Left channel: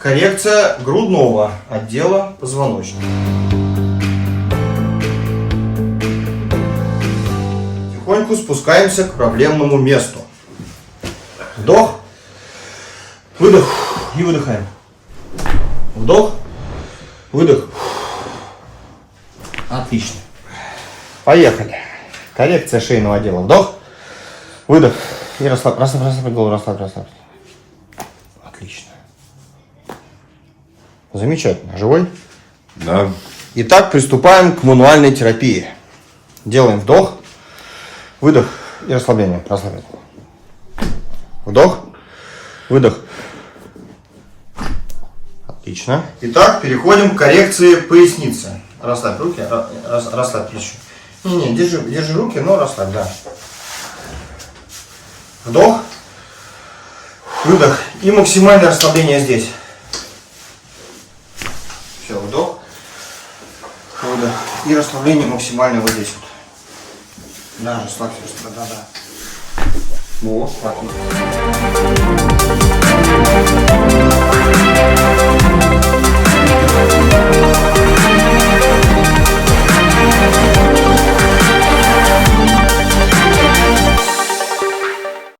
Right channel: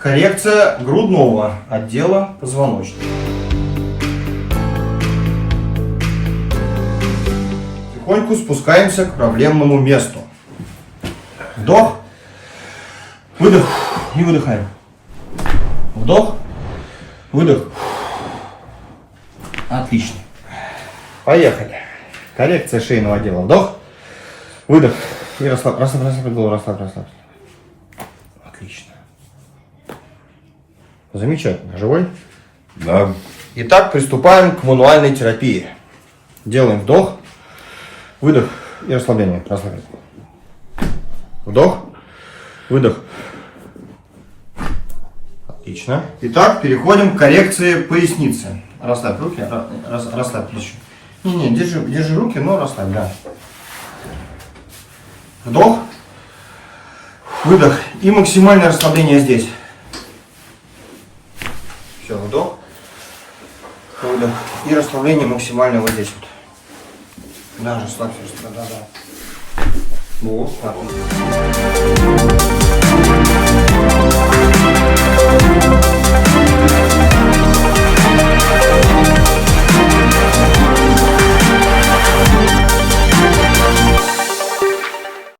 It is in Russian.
Коррекция грудного отдела позвоночника. Тихонько спускаемся к проблемному месту. Вдох, выдох и выдыхаем. Вдох, выдох. Отлично. Поехали. Коррекция шейного отдела. Вдох, выдох. И расслабь голову, расслабь. Отлично. Замечательно. Живой? Да. Итак, приступаем к мануальной терапии. Делаем вдох, выдох и расслабление. Расслабляем. Вдох, выдох. Отлично. Итак, переходим к коррекции поясницы. Расслабь руки, расслабь плечи. Не, держи руки, но расслабь, да. Вдох, выдох и максимальное расслабление здесь. Все, вдох, выдох и расслабление максимальное вот здесь вот. Да, расслабься, да. Вот, отлично.